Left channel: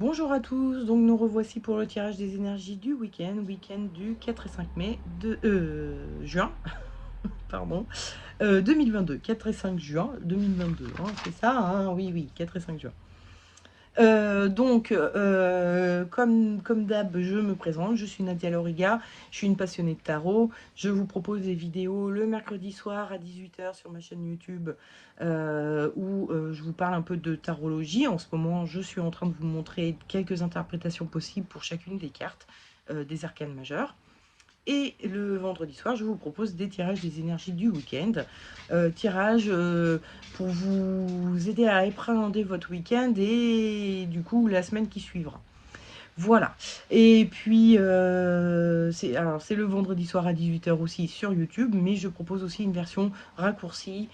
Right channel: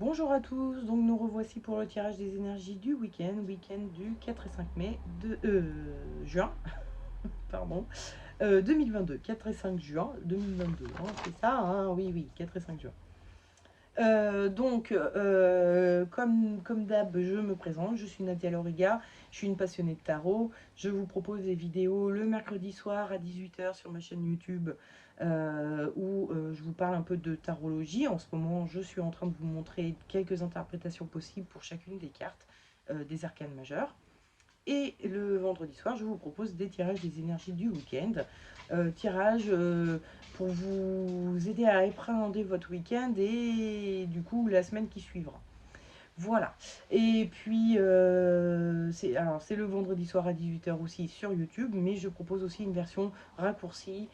Bonjour à tous, donc nous revoici pour le tirage des énergies du week-end du 4 et 5 mai de juin, pardon, 2022, 4 et 5 juin 2022, hein, c'est ça, hein, oui, oui, 4 et 5 juin. Comme d'hab, je me présente, je suis Nadia Loriga, je suis une passionnée de tarot. Je vous propose des vidéos le mercredi soir à 18 h sur ma chaîne YouTube où je vous parle un peu de tarologie. En ce moment, je suis en train de vous montrer quelques interprétations possibles pour chacune des cartes des arcanes majeures. Et le vendredi soir, je vous propose des tirages des énergies du week-end. Tirage pour vous aider à appréhender votre week-end et du coup la semaine qui suivra. Voilà. Et puis, c'est le vendredi soir à 18 h aussi sur YouTube, mais je propose aussi une version raccourcie,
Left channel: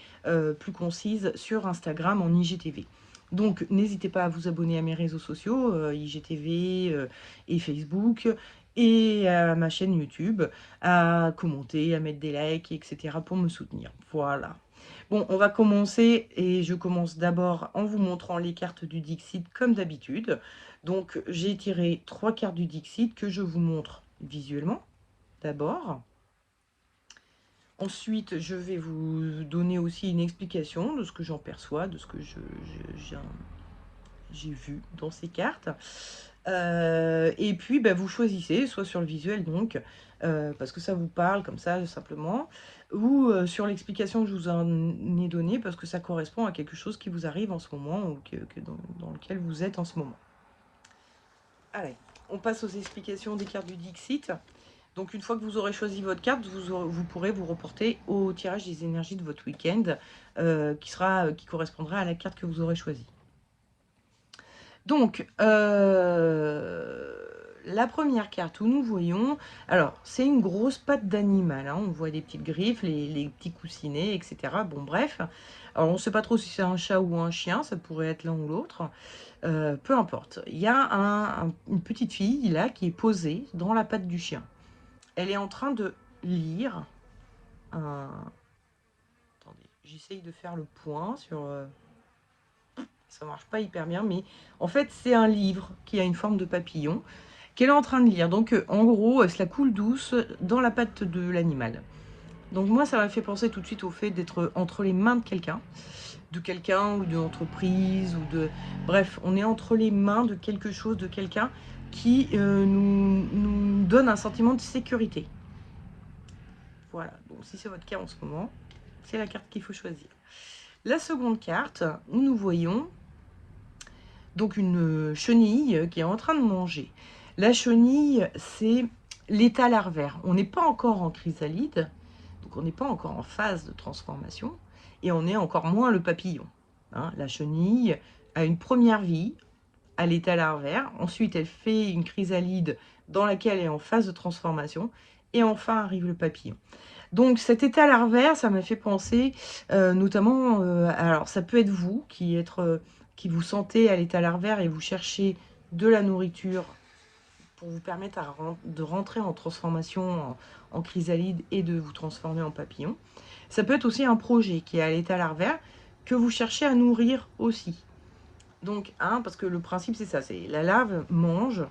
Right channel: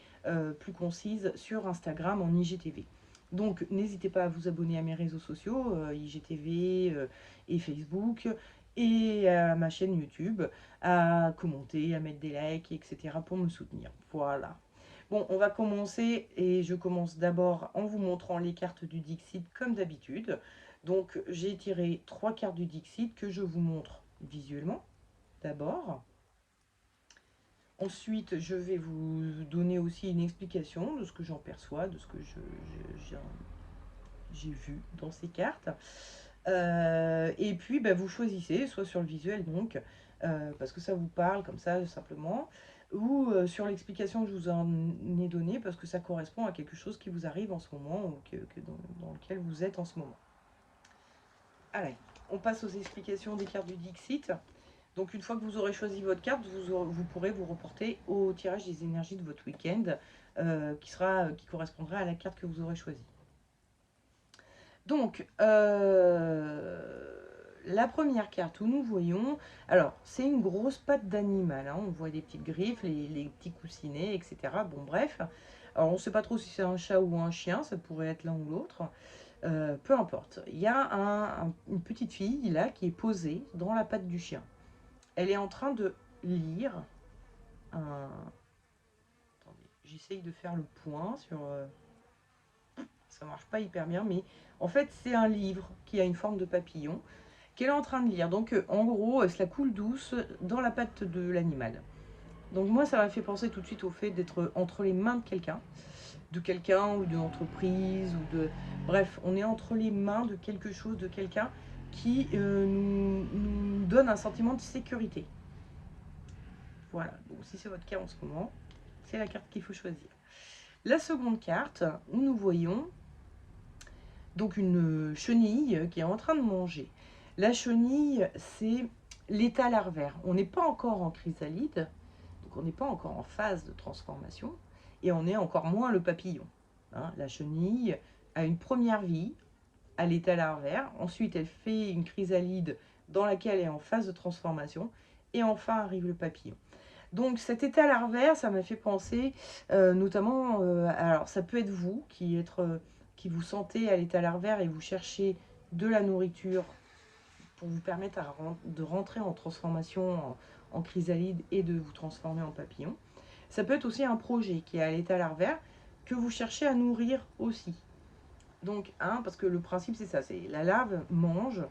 plus concise, sur Instagram en IGTV. Donc, n'hésitez pas à vous abonner à mes réseaux sociaux, IGTV et Facebook, et à ma chaîne YouTube, à commenter, à mettre des likes, etc. pour me soutenir. Voilà. Bon, on va commencer et je commence d'abord en vous montrant les cartes du Dixit comme d'habitude. Donc, j'ai tiré 3 cartes du Dixit que je vous montre visuellement d'abord. Ensuite, je vais vous donner aussi une explication de ce que j'en perçois, de ce que j'ai vu dans ces cartes. Et puis, bah, vous choisissez, soit sur le visuel, donc, parce que ça vous parle comme ça, simplement, ou sur l'explication que je vous en ai donnée, parce que ça correspond à quelque chose qui vous arrive en ce moment, ou dans lequel vous êtes en ce moment. Allez, on passe aux explications des cartes du Dixit. Donc une fois que vous aurez choisi votre carte, vous pourrez vous reporter au tirage des énergies de votre week-end qui correspondra à la carte que vous aurez choisie. Donc, la première carte où nous voyons, alors c'est une grosse patte d'animal, hein, on voit des petites griffes, les petits coussinets, etc. Bon bref, alors on ne sait pas trop si c'est un chat ou un chien, ça pourrait être l'un ou l'autre. Peu importe. Il y a une petite fille là qui est posée dans la patte du chien. Elle est en train de lire un... Attendez, j'essaye de faire le point sur... ça marche pas hyper bien, mais en fait c'est un livre qui a une forme de papillon qu'elle est en train de lire. Donc en gros, elle se la coule douce dans la patte de l'animal. Donc moi, ça m'a fait penser tout de suite au fait d'être entre les mains de quelqu'un ou d'une entreprise ou de... Bref, on est entre les mains de quelque chose, de quelqu'un qui nous donne un sentiment de sécurité. Voilà, bon, si c'est votre cas en ce moment, c'est la carte qu'il faut choisir. La seconde carte, où nous voyons donc une chenille qui est en train de manger. La chenille, c'est l'état larvaire. On n'est pas encore en chrysalide, donc on n'est pas encore en phase de transformation, et on est encore moins le papillon. Hein, la chenille a une première vie à l'état larvaire, ensuite elle fait une chrysalide dans laquelle elle est en phase de transformation, et enfin arrive le papillon. Donc cet état larvaire, ça m'a fait penser notamment, alors ça peut être vous qui vous sentez à l'état larvaire et vous cherchez de la nourriture pour vous permettre de rentrer en transformation en chrysalide et de vous transformer en papillon. Ça peut être aussi un projet qui est à l'état larvaire que vous cherchez à nourrir aussi. Donc, hein, parce que le principe c'est ça, c'est la larve mange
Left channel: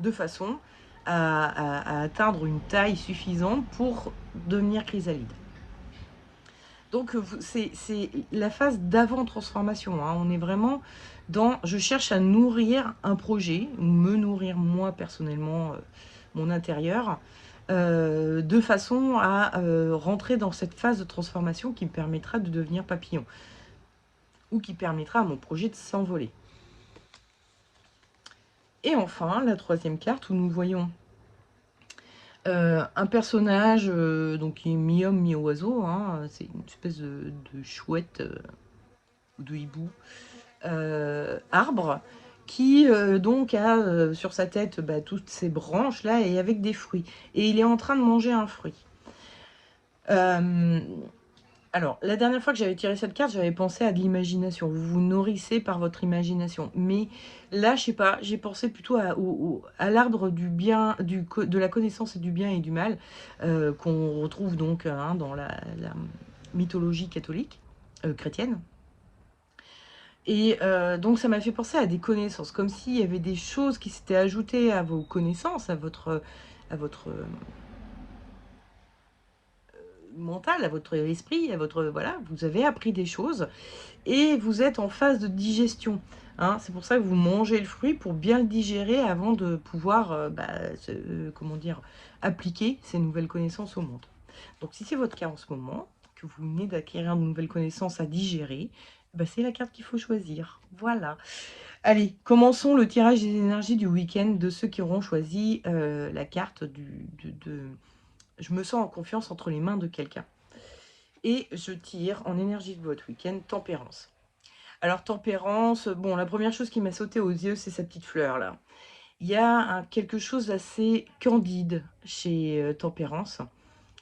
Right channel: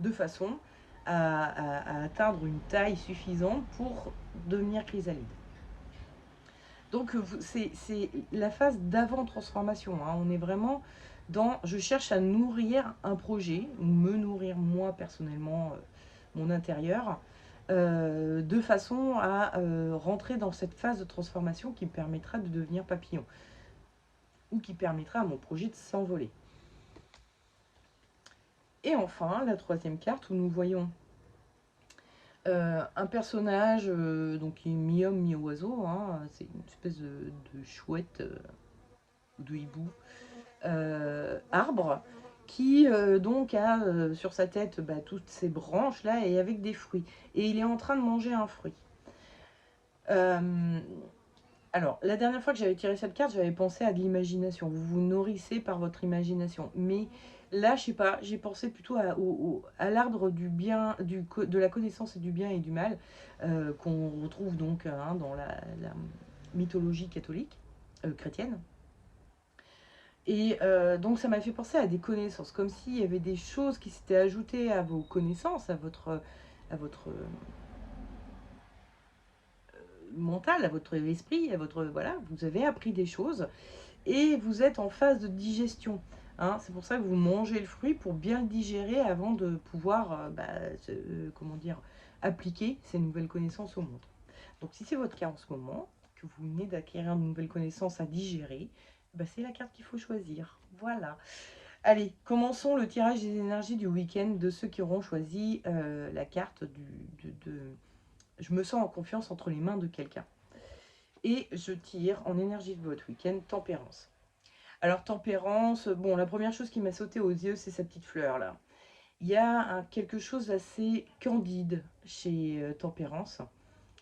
de façon à atteindre une taille suffisante pour devenir chrysalide. Donc c'est la phase d'avant-transformation. Hein. On est vraiment dans... Je cherche à nourrir un projet, ou me nourrir moi personnellement, mon intérieur, de façon à rentrer dans cette phase de transformation qui me permettra de devenir papillon. Ou qui permettra à mon projet de s'envoler. Et enfin, la troisième carte où nous voyons un personnage donc qui est mi-homme, mi-oiseau. Hein. C'est une espèce de chouette de hibou arbre qui donc a sur sa tête toutes ces branches là et avec des fruits. Et il est en train de manger un fruit. Alors, la dernière fois que j'avais tiré cette carte, j'avais pensé à de l'imagination. Vous vous nourrissez par votre imagination. Mais là, je sais pas, j'ai pensé plutôt à l'arbre du bien, de la connaissance et du bien et du mal, qu'on retrouve donc dans la mythologie catholique, chrétienne. Et donc ça m'a fait penser à des connaissances, comme s'il y avait des choses qui s'étaient ajoutées à vos connaissances, à votre mental, à votre esprit, à votre... Voilà, vous avez appris des choses et vous êtes en phase de digestion. Hein. C'est pour ça que vous mangez le fruit pour bien le digérer avant de pouvoir, comment dire, appliquer ces nouvelles connaissances au monde. Donc si c'est votre cas en ce moment, que vous venez d'acquérir de nouvelles connaissances à digérer, bah, c'est la carte qu'il faut choisir. Voilà. Allez, commençons le tirage des énergies du week-end de ceux qui auront choisi la carte Je me sens en confiance entre les mains de quelqu'un. Et je tire en énergie de votre week-end Tempérance. Alors Tempérance, bon, la première chose qui m'a sauté aux yeux, c'est sa petite fleur là. Il y a quelque chose d'assez candide chez Tempérance.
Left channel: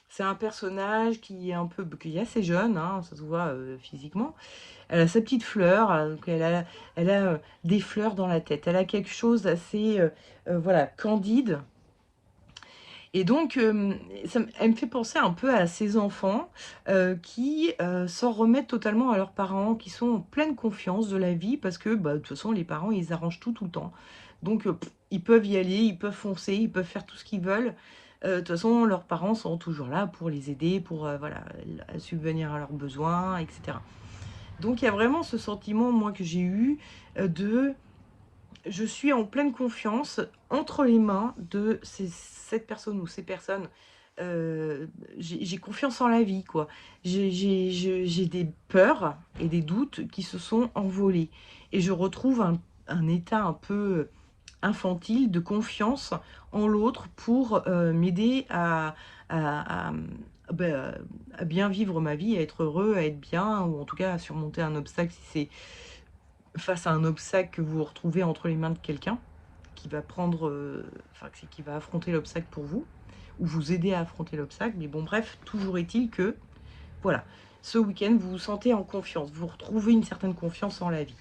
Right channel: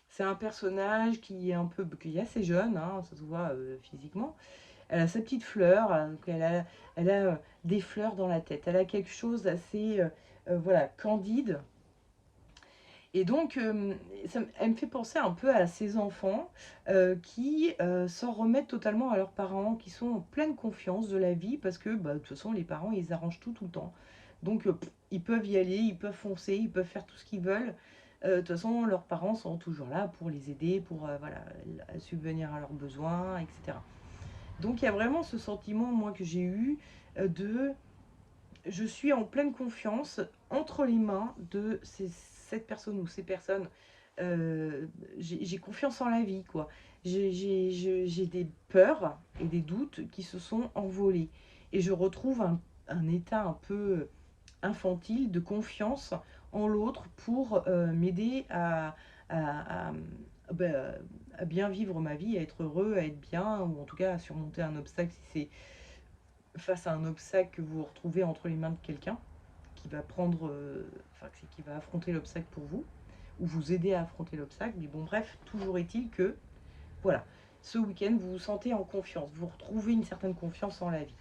C'est un personnage qui est assez jeune, hein, ça se voit physiquement. Elle a sa petite fleur, donc elle a des fleurs dans la tête. Elle a quelque chose d'assez voilà, candide. Et donc, elle me fait penser un peu à ces enfants qui s'en remettent totalement à leurs parents, qui sont en pleine confiance de la vie, parce que bah, de toute façon, les parents, ils arrangent tout le temps. Donc, ils peuvent y aller, ils peuvent foncer, ils peuvent faire tout ce qu'ils veulent. De toute façon, leurs parents sont toujours là pour les aider, pour voilà, subvenir à leurs besoins, etc. Donc, il y a vraiment ce sentiment, moi, que j'ai eu de je suis en pleine confiance entre les mains de cette personne ou ces personnes. J'ai confiance en la vie, quoi. J'ai des peurs et des doutes qui se sont envolés. Et je retrouve un état un peu infantile de confiance en l'autre pour m'aider à, ben, à bien vivre ma vie, à être heureux, à être bien, ou en tout cas à surmonter un obstacle si c'est face à un obstacle que vous vous retrouvez entre les mains de quelqu'un qui va prendre, qui va affronter l'obstacle pour vous, ou vous aider à affronter l'obstacle. Mais bon, bref, toujours est-il que, voilà, ce week-end, vous vous sentez en confiance, vous retrouvez une certaine confiance en la vie.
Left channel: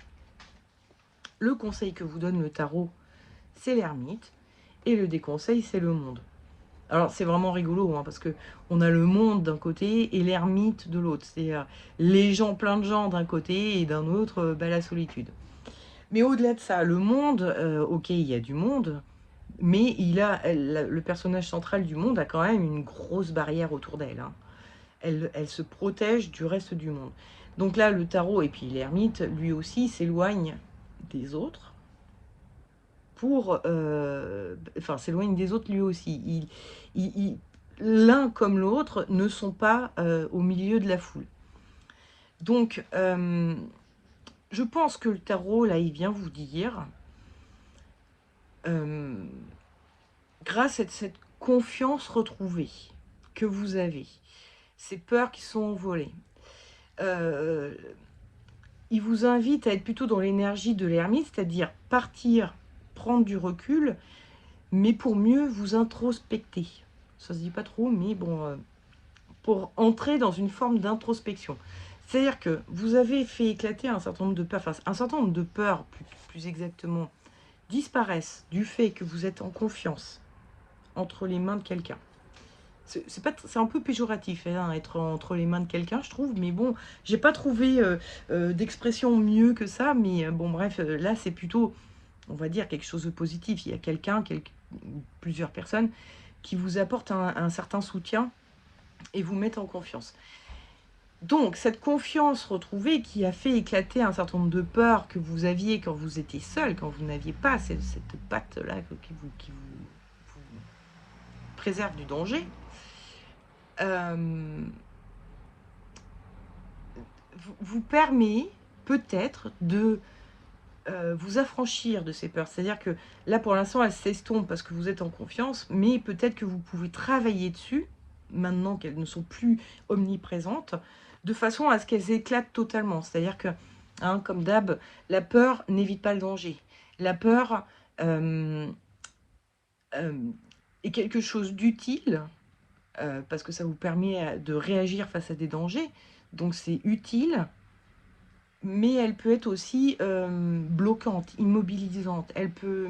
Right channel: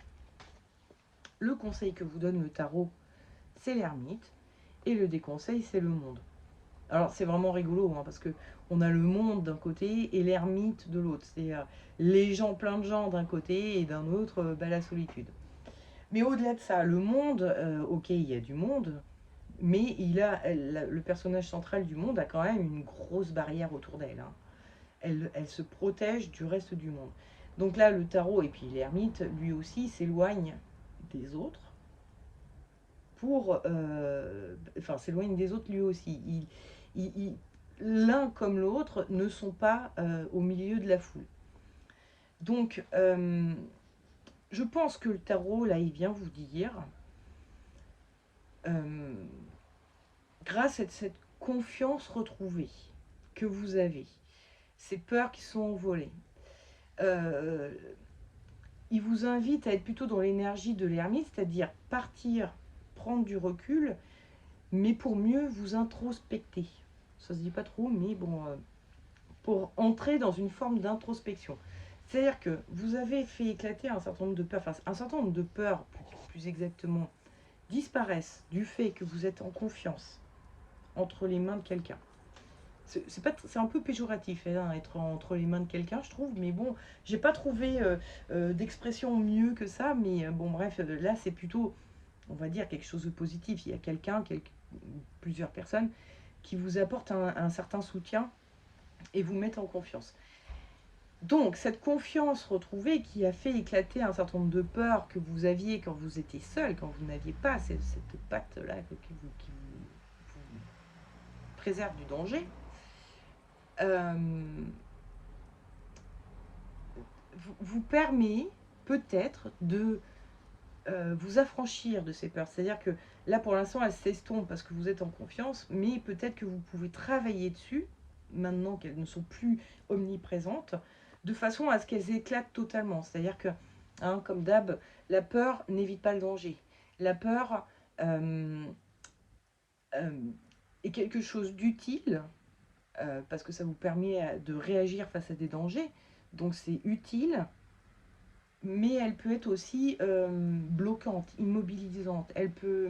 Le conseil que vous donne le tarot, c'est l'ermite, et le déconseil, c'est le monde. Alors c'est vraiment rigolo, hein, parce que on a le monde d'un côté et l'ermite de l'autre. C'est les gens, plein de gens d'un côté, et d'un autre, la solitude. Mais au-delà de ça, le monde, ok, il y a du monde, mais le personnage central du monde a quand même une grosse barrière autour d'elle. Hein. Elle se protège du reste du monde. Donc là, le tarot et puis l'ermite, lui aussi, s'éloigne des autres s'éloigne des autres lui aussi. L'un comme l'autre ne sont pas au milieu de la foule. Donc, je pense que le tarot, là, il vient vous dire, grâce à cette confiance retrouvée que vous avez, ces peurs qui sont envolées, il vous invite à être plutôt dans l'énergie de l'ermite, c'est-à-dire partir, prendre du recul, mais pour mieux vous introspecter. Ça se dit pas trop, mais bon, pour entrer dans une forme d'introspection. C'est-à-dire que vous avez fait éclater un certain nombre de peurs, un certain nombre de peurs, plus exactement, disparaissent du fait que vous êtes en confiance entre les mains de quelqu'un. C'est un peu péjoratif, hein, être entre les mains de quelqu'un, je trouve, mais bon, j'ai pas trouvé d'expression mieux que ça, mais bon, bref, là, c'est plutôt, on va dire, quelque chose de positif. Il y a plusieurs personnes qui vous apportent un certain soutien et vous mettent en confiance. Donc, cette confiance retrouvée qui a fait éclater un certain nombre de peurs que vous aviez quand vous étiez seul, quand vous n'aviez pas cette patte-là qui vous préserve du danger, vous permet peut-être de vous affranchir de ces peurs. C'est-à-dire que là, pour l'instant, elles s'estompent parce que vous êtes en confiance, mais peut-être que vous pouvez travailler dessus, maintenant qu'elles ne sont plus omniprésentes, de façon à ce qu'elles éclatent totalement. C'est-à-dire que, hein, comme d'hab, la peur n'évite pas le danger. La peur est quelque chose d'utile, parce que ça vous permet de réagir face à des dangers, donc c'est utile, mais elle peut être aussi bloquante, immobilisante. Elle peut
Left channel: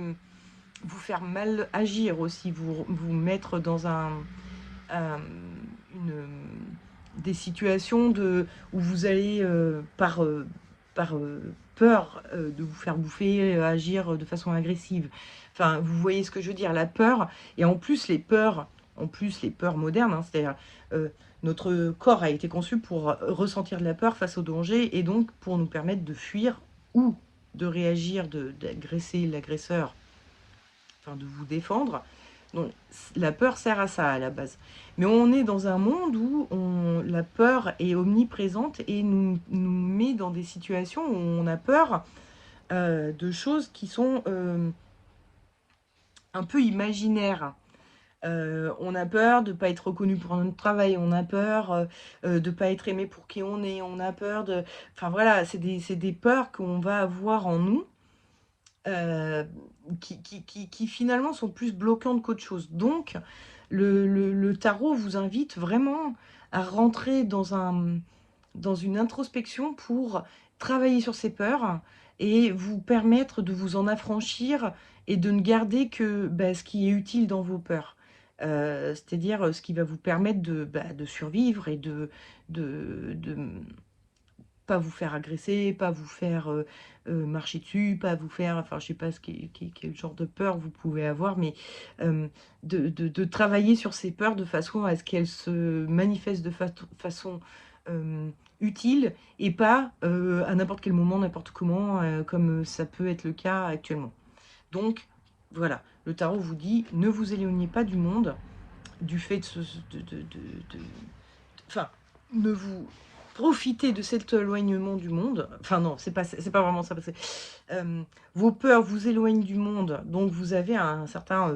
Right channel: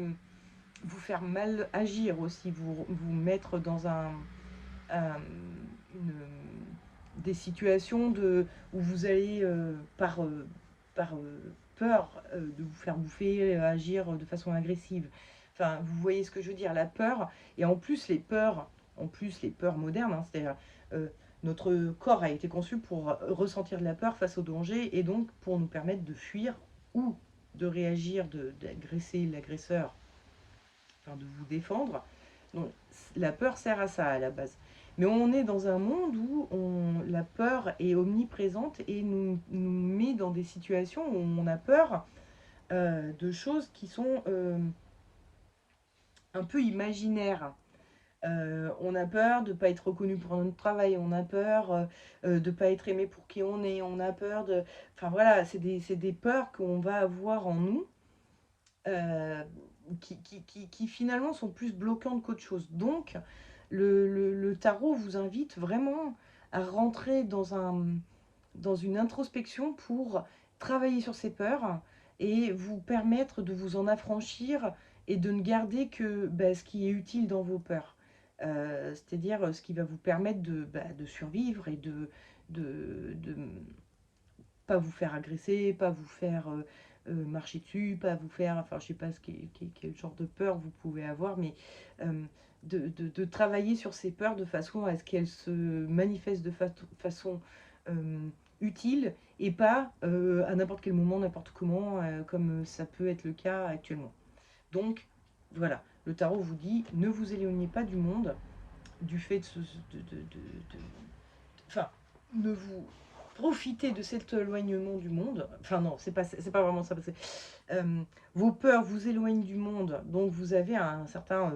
vous faire mal agir aussi, vous mettre dans des situations où vous allez, par peur de vous faire bouffer, agir de façon agressive. Enfin, vous voyez ce que je veux dire, la peur, et en plus les peurs modernes, hein, c'est-à-dire euh, notre corps a été conçu pour ressentir de la peur face au danger, et donc pour nous permettre de fuir ou de réagir, d'agresser l'agresseur, enfin de vous défendre. Donc la peur sert à ça à la base. Mais on est dans un monde où la peur est omniprésente et nous met dans des situations où on a peur de choses qui sont un peu imaginaires. On a peur de ne pas être reconnu pour notre travail, on a peur de ne pas être aimé pour qui on est, on a peur de... Enfin voilà, c'est des peurs qu'on va avoir en nous euh, qui finalement sont plus bloquantes qu'autre chose. Donc, le tarot vous invite vraiment à rentrer dans une introspection pour travailler sur ces peurs et vous permettre de vous en affranchir et de ne garder que ce qui est utile dans vos peurs. C'est-à-dire ce qui va vous permettre de survivre et de pas vous faire agresser, pas vous faire marcher dessus, pas vous faire, enfin je sais pas quel genre de peur vous pouvez avoir, mais euh, de travailler sur ces peurs de façon à ce qu'elles se manifestent de façon euh, utile et pas à n'importe quel moment, n'importe comment, comme ça peut être le cas actuellement. Donc voilà, le tarot vous dit ne vous éloignez pas du monde, du fait de, de- enfin, ne vous profitez de cet éloignement du monde. Enfin non, c'est pas vraiment ça. Parce que, vos peurs vous éloignent du monde, donc vous avez un certain,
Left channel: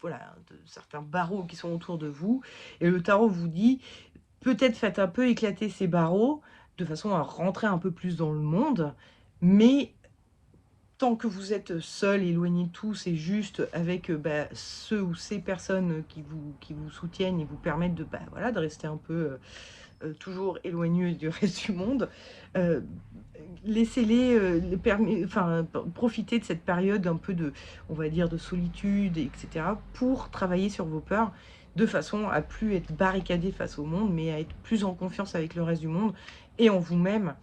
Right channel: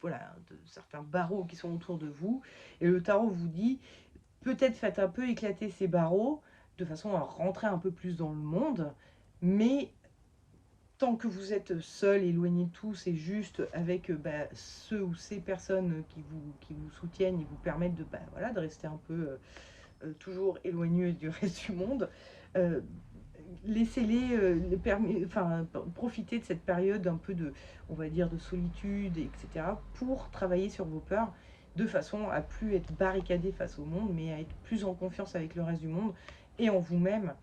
voilà, certains barreaux qui sont autour de vous. Et le tarot vous dit, peut-être faites un peu éclater ces barreaux de façon à rentrer un peu plus dans le monde, mais tant que vous êtes seul, éloigné de tout, c'est juste avec ceux ou ces personnes qui vous soutiennent et vous permettent voilà, de rester un peu toujours éloigné du reste du monde. Euh, Laissez-les enfin, profiter de cette période un peu de, on va dire, de solitude, etc., pour travailler sur vos peurs de façon à plus être barricadé face au monde, mais à être plus en confiance avec le reste du monde et en vous-même,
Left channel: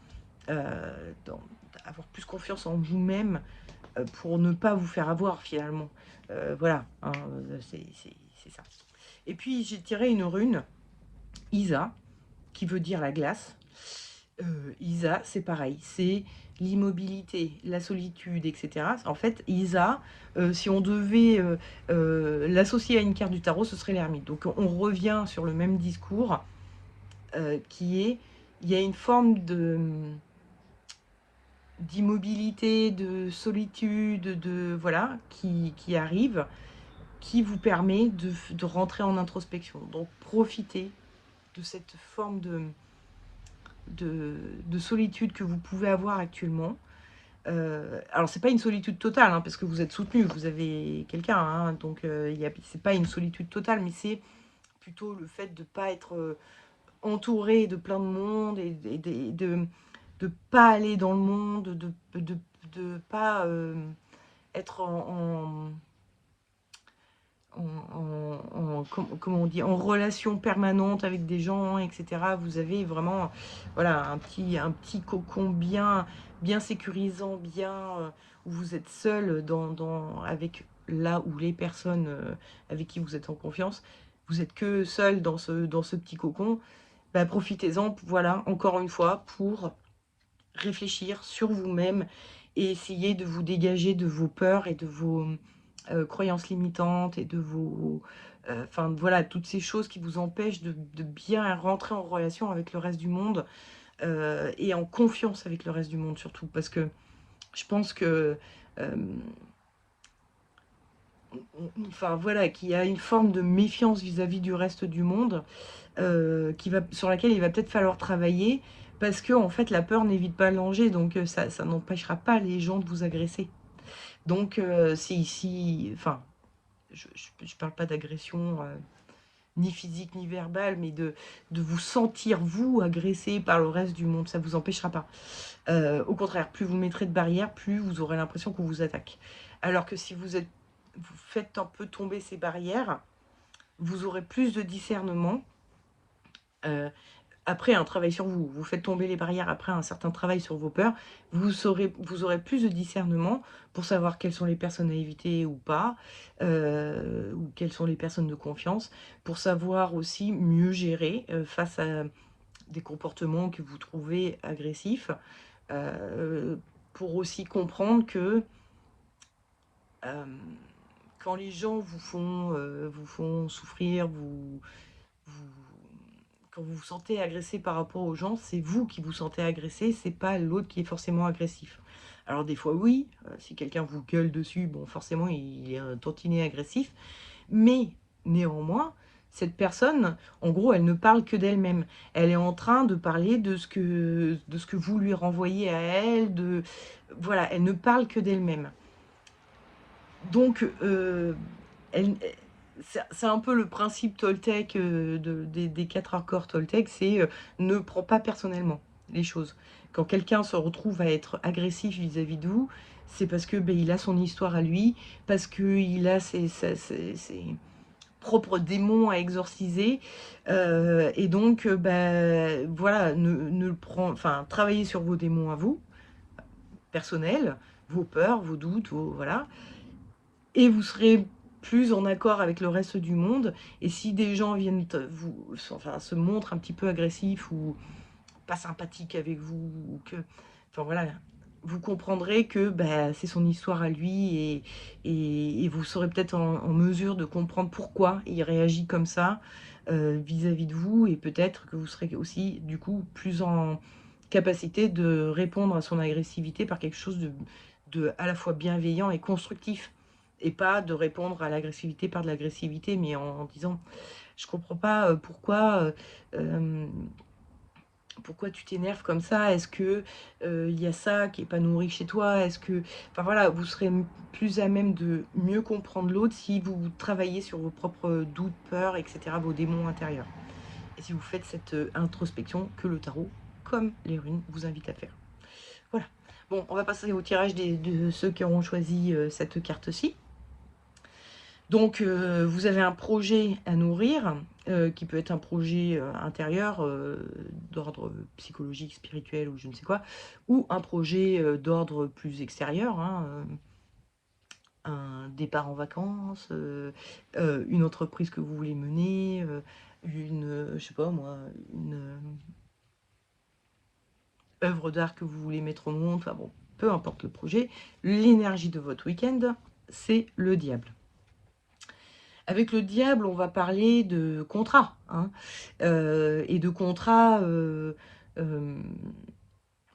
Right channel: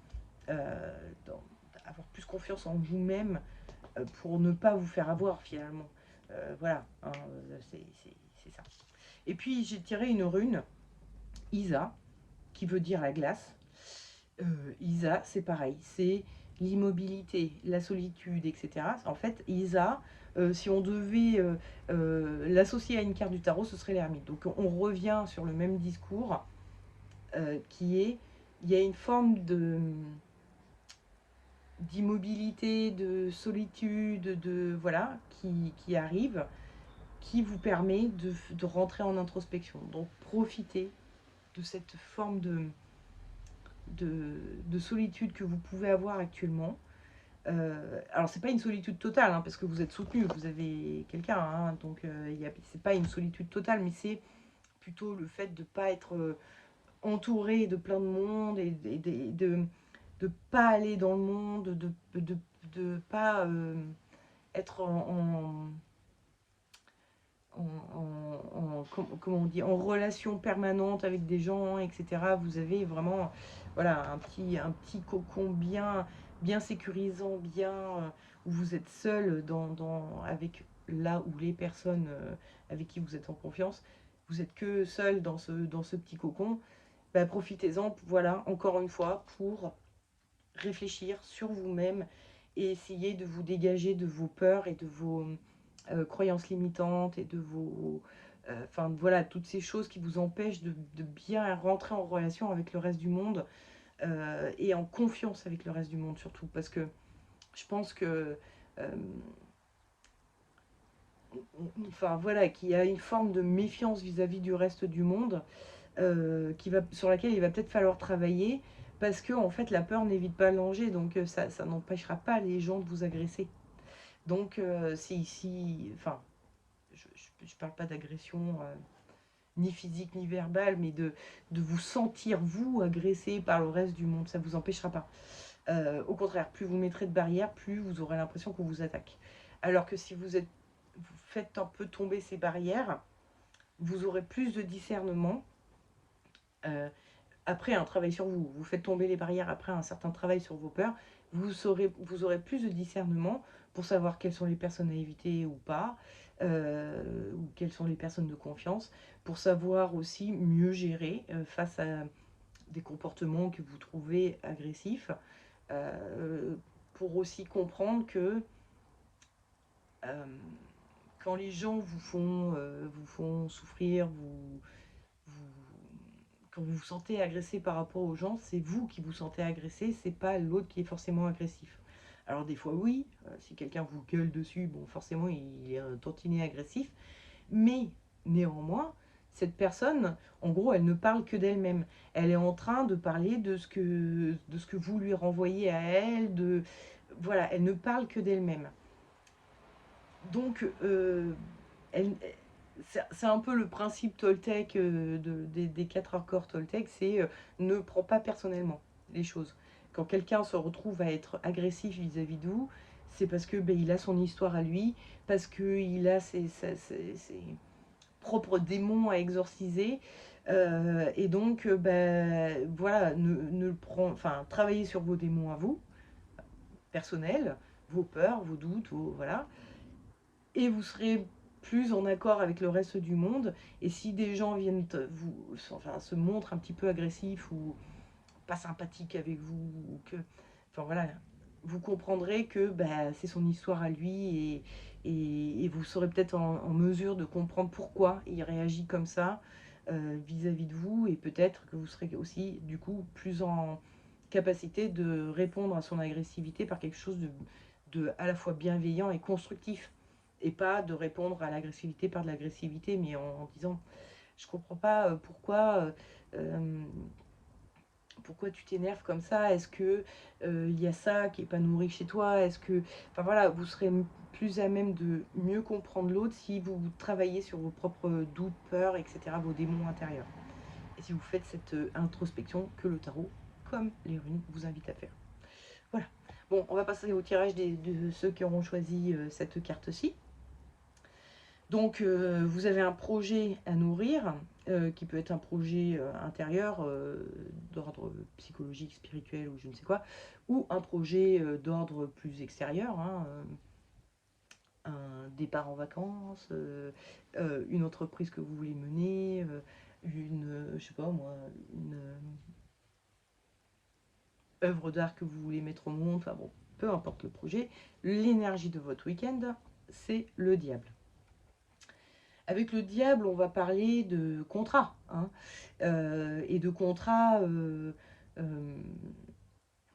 dans, avoir plus confiance en vous-même pour ne pas vous faire avoir finalement. Voilà, hein, c'est ça. Et puis j'ai tiré une rune, Isa, qui veut dire la glace. Isa, c'est pareil, c'est l'immobilité, la solitude, etc. En fait, Isa, si on devait l'associer à une carte du tarot, ce serait l'ermite. Donc on revient sur le même discours qui est, il y a une forme d'immobilité, de solitude, voilà, qui arrive, qui vous permet de rentrer en introspection. Donc profitez de cette forme de solitude que vous pouvez avoir actuellement. Alors c'est pas une solitude totale, hein, parce que vous êtes soutenu, vous avez quelqu'un, hein, donc c'est pas une solitude totale, mais c'est plutôt le fait de ne pas être entouré de plein de monde et de pas aller dans le monde, de pas être comment on dit, en relation permanente avec des gens, etc. Vous avez vraiment voilà, un petit cocon bien sécurisant, bien où vous êtes seul avec là où les personnes avec qui vous êtes en confiance. Vous êtes que seul dans ce petit cocon. Bah, profitez-en, voilà, encore une fois, pour réfléchir sur vous-même et essayer de vous dégager de vos peurs et de vos croyances limitantes et de vos... Enfin voilà, toutes ces choses qui vous empêchent de bien rentrer en relation avec le reste du monde et en confiance avec le reste du monde surtout. Parce que je pense que... enfin voilà, qu'il y a une forme de méfiance vis-à-vis du reste du monde sur laquelle il va peut-être falloir travailler parce que en fait la peur n'évite pas le danger, donc ça n'empêchera pas les gens de vous agresser. Donc enfin, je parle pas d'agression ni physique ni verbale, mais de vous sentir vous agressé par le reste du monde, ça vous empêchera pas. Au contraire, plus vous mettrez de barrières, plus vous aurez l'impression qu'on vous attaque. Alors que si vous faites un peu tomber ces barrières, vous aurez plus de discernement. Euh, après un travail sur vous, vous faites tomber les barrières après un certain travail sur vos peurs, vous aurez plus de discernement pour savoir quelles sont les personnes à éviter ou pas, ou quelles sont les personnes de confiance, pour savoir aussi mieux gérer face à des comportements que vous trouvez agressifs, euh, pour aussi comprendre que euh, quand les gens vous font souffrir, vous, quand vous vous sentez agressé par rapport aux gens, c'est vous qui vous sentez agressé, c'est pas l'autre qui est forcément agressif. Alors des fois oui, si quelqu'un vous gueule dessus, bon forcément il est un tantinet agressif, mais néanmoins, cette personne, en gros, elle ne parle que d'elle-même. Elle est en train de parler de ce que vous lui renvoyez à elle, voilà, elle ne parle que d'elle-même. Donc, c'est un peu le principe Toltec des 4 accords Toltec, c'est ne prends pas personnellement les choses. Quand quelqu'un se retrouve à être agressif vis-à-vis de vous, c'est parce que il a son histoire à lui, parce qu'il a ses propres démons à exorciser, et donc voilà, enfin, travaillez sur vos démons à vous, personnels, vos peurs, vos doutes, voilà, et vous serez plus en accord avec le reste du monde. Et si des gens viennent enfin, se montrent un petit peu agressifs ou pas sympathiques avec vous, ou que, enfin voilà, vous comprendrez que c'est son histoire à lui, et vous serez peut-être en mesure de comprendre pourquoi il réagit comme ça vis-à-vis de vous, et peut-être que vous serez aussi du coup plus en capacité de répondre à son agressivité par quelque chose de à la fois bienveillant et constructif, et pas de répondre à l'agressivité par de l'agressivité, mais en disant je comprends pas euh, pourquoi tu t'énerves comme ça. Est-ce que il y a ça qui est pas nourri chez toi? Est-ce que, enfin voilà, vous serez plus à même de mieux comprendre l'autre si vous travaillez sur vos propres doutes, peurs, etc., vos démons intérieurs, et si vous faites cette introspection que le tarot, comme les runes, vous invite à faire. Voilà. Bon, on va passer au tirage de ceux qui auront choisi cette carte-ci. Donc, vous avez un projet à nourrir, qui peut être un projet intérieur, d'ordre psychologique, spirituel ou je ne sais quoi, ou un projet d'ordre plus extérieur, hein, un départ en vacances, une entreprise que vous voulez mener, je sais pas moi, une œuvre d'art que vous voulez mettre au monde, enfin bon, peu importe le projet. L'énergie de votre week-end, c'est le diable. Avec le diable, on va parler de contrat, hein, et de contrat,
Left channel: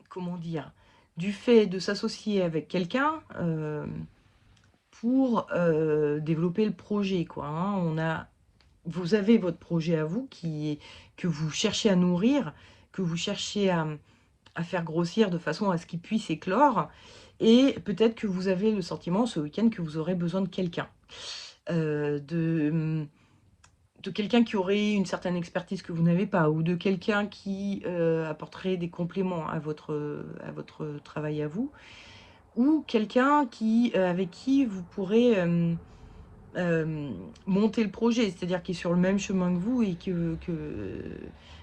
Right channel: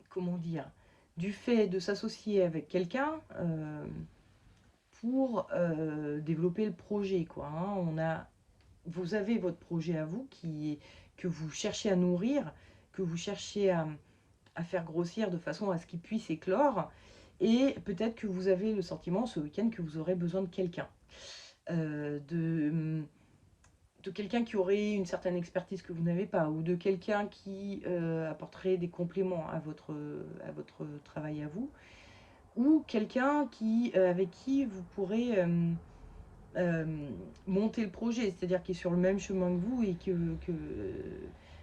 comment dire, du fait de s'associer avec quelqu'un pour développer le projet, quoi, hein. Vous avez votre projet à vous que vous cherchez à nourrir, que vous cherchez à faire grossir de façon à ce qu'il puisse éclore, et peut-être que vous avez le sentiment ce week-end que vous aurez besoin de quelqu'un. De quelqu'un qui aurait une certaine expertise que vous n'avez pas, ou de quelqu'un qui apporterait des compléments à votre travail à vous, ou quelqu'un avec qui vous pourrez monter le projet, c'est-à-dire qui est sur le même chemin que vous, et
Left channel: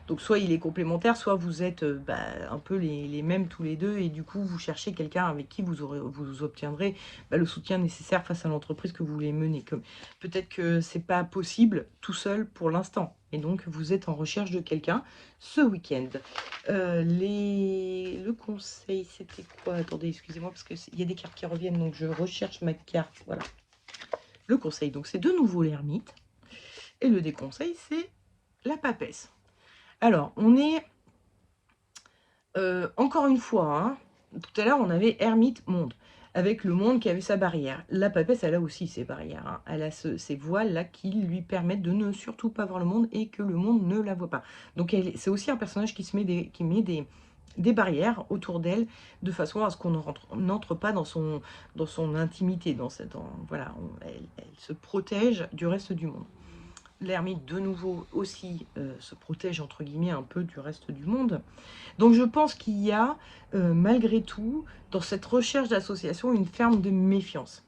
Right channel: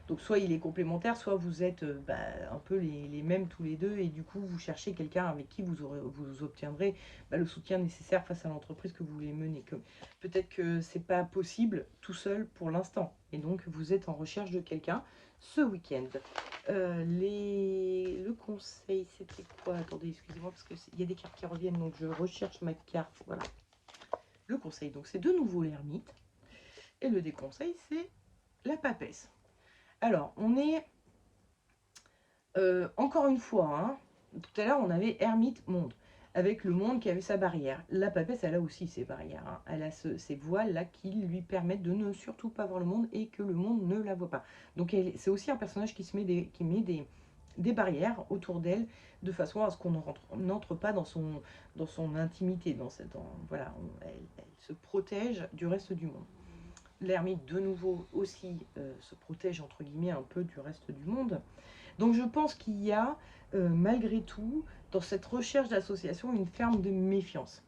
donc soit il est complémentaire, soit vous êtes un peu les mêmes tous les deux, et du coup vous cherchez quelqu'un avec qui vous obtiendrez le soutien nécessaire face à l'entreprise que vous voulez mener. Peut-être que c'est pas possible tout seul pour l'instant, et donc vous êtes en recherche de quelqu'un ce week-end. Le conseil, c'était quoi? Attendez, excusez-moi, parce qu'il y a des cartes qui reviennent, donc je recherche ma carte. Voilà. Le conseil, donc c'est de nouveau l'ermite. Et le déconseil, c'est la papesse. Alors, on est... encore une fois, hein, tout à l'heure, on avait ermite, monde. Avec le monde qui avait sa barrière. La papesse, elle a aussi ses barrières. Hein. Elle a ces voiles-là qui lui permettent de ne surtout pas voir le monde, et que le monde ne la voit pas. Donc, c'est aussi un personnage qui met des barrières autour d'elle, de façon à ce qu'on n'entre pas dans son intimité. Voilà, elle se protège du reste du monde. L'ermite, de nouveau, aussi se protège, entre guillemets, un peu du reste du monde. Donc je pense qu'il y a, malgré tout, dans cette recherche d'association, une forme de méfiance.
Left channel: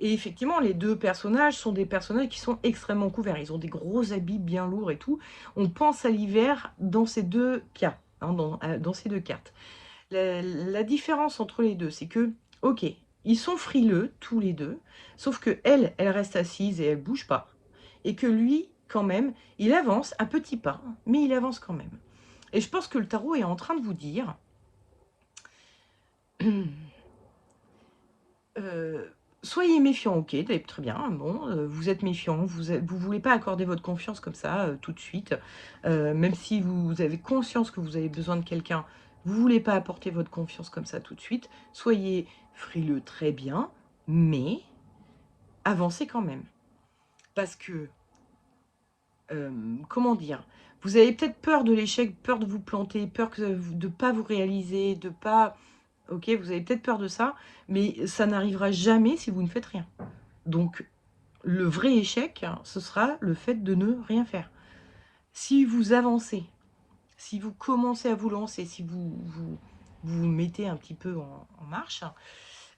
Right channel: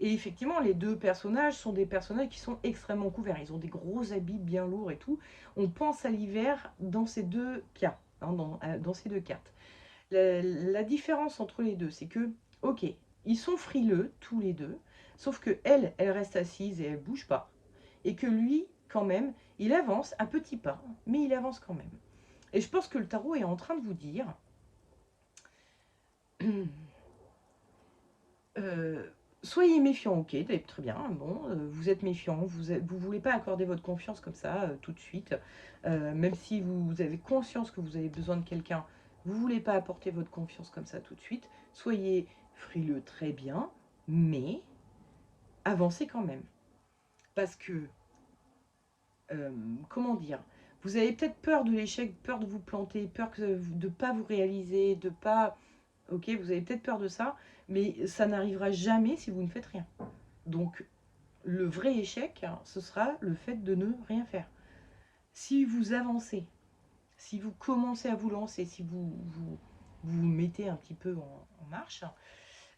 Et effectivement, les 2 personnages sont des personnages qui sont extrêmement couverts. Ils ont des gros habits bien lourds et tout. On pense à l'hiver dans ces 2 cas, hein, dans ces 2 cartes. La différence entre les 2, c'est que, OK, ils sont frileux tous les 2, sauf qu'elle, elle reste assise et elle bouge pas. Et que lui, quand même, il avance à petits pas, mais il avance quand même. Et je pense que le tarot est en train de vous dire soyez méfiant, ok, très bien, bon, vous êtes méfiant, vous voulez pas accorder votre confiance comme ça, tout de suite, même si vous avez conscience que vous avez besoin de quelqu'un, vous voulez pas apporter votre confiance comme ça tout de suite, soyez frileux, très bien, mais avancez quand même. Parce que, comment dire, vous avez peut-être peur de l'échec, peur de vous planter, peur de ne pas vous réaliser, de pas... Ok, vous avez peut-être peur de ça, mais ça n'arrivera jamais si vous ne faites rien. Donc, le vrai échec, ce sera le fait de ne rien faire. Si vous avancez, si vous commencez à vous lancer, si vous mettez un petit peu en marche,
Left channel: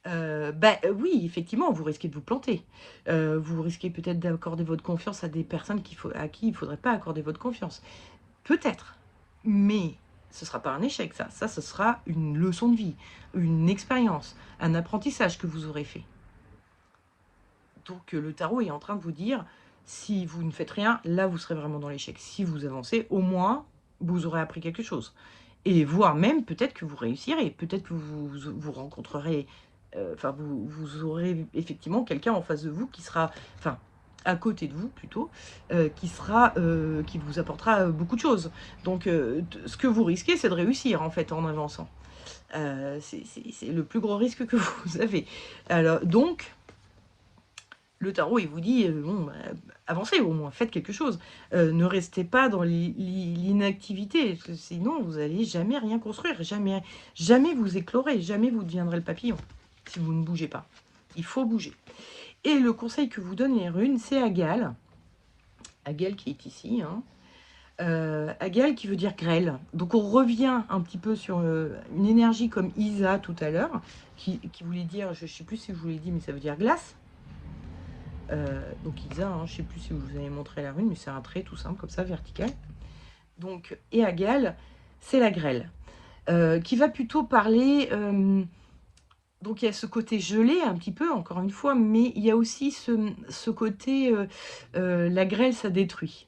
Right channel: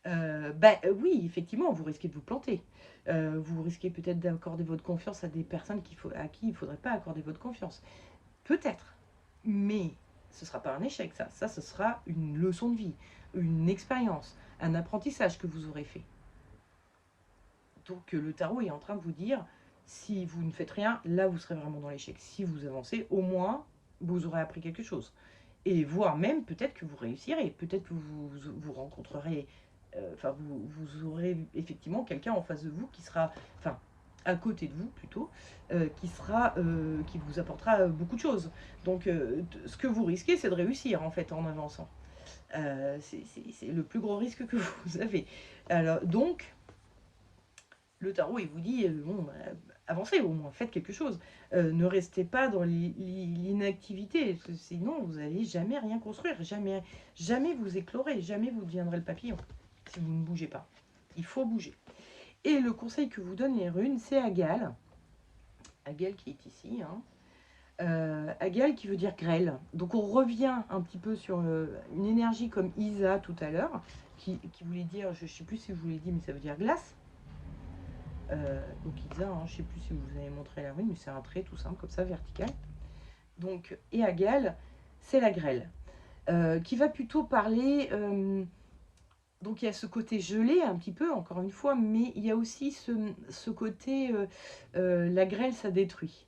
oui, effectivement, vous risquez de vous planter. Vous risquez peut-être d'accorder votre confiance à des personnes à qui il ne faudrait pas accorder votre confiance. Peut-être. Mais ce ne sera pas un échec, ça. Ça, ce sera une leçon de vie, une expérience, un apprentissage que vous aurez fait. Donc le tarot est en train de vous dire, si vous ne faites rien, là vous serez vraiment dans l'échec. Si vous avancez, au moins, vous aurez appris quelque chose. Et voire même, peut-être que vous réussirez. Peut-être que vous rencontrerez, enfin, vous aurez effectivement quelqu'un en face de vous qui sera, enfin, à côté de vous plutôt, qui vous apportera beaucoup de choses. Donc, ce que vous risquez, c'est de réussir en fait en avançant. C'est le plus gros risque que vous avez. Alors, donc, le tarot, il vous dit, bon, bah, avancez au moins, faites quelque chose. Ne restez pas dans l'inactivité, sinon vous n'allez jamais rien construire, jamais, jamais vous éclorez, jamais vous deviendrez le papillon, si vous ne bougez pas. Il faut bouger. Et le conseil que vous donnent les runes, c'est Agal. Agal qui est ici, hein. Agal qui veut dire grêle. Donc on revient un petit peu sur une énergie comme Isa tout à l'heure, qui voulait dire, je ne sais plus si je vous l'ai dit, mais ça veut dire glace. Donc Isa, hein, je ne sais plus si vous avez montré la rune, mais c'est un trait tout simple, comme ça, vertical. Donc, et Agal, c'est la grêle, qui va plutôt parler... donc il y a ce côté gelé un petit peu, encore une fois, mais il y a aussi ce côté, la grêle, ça détruit.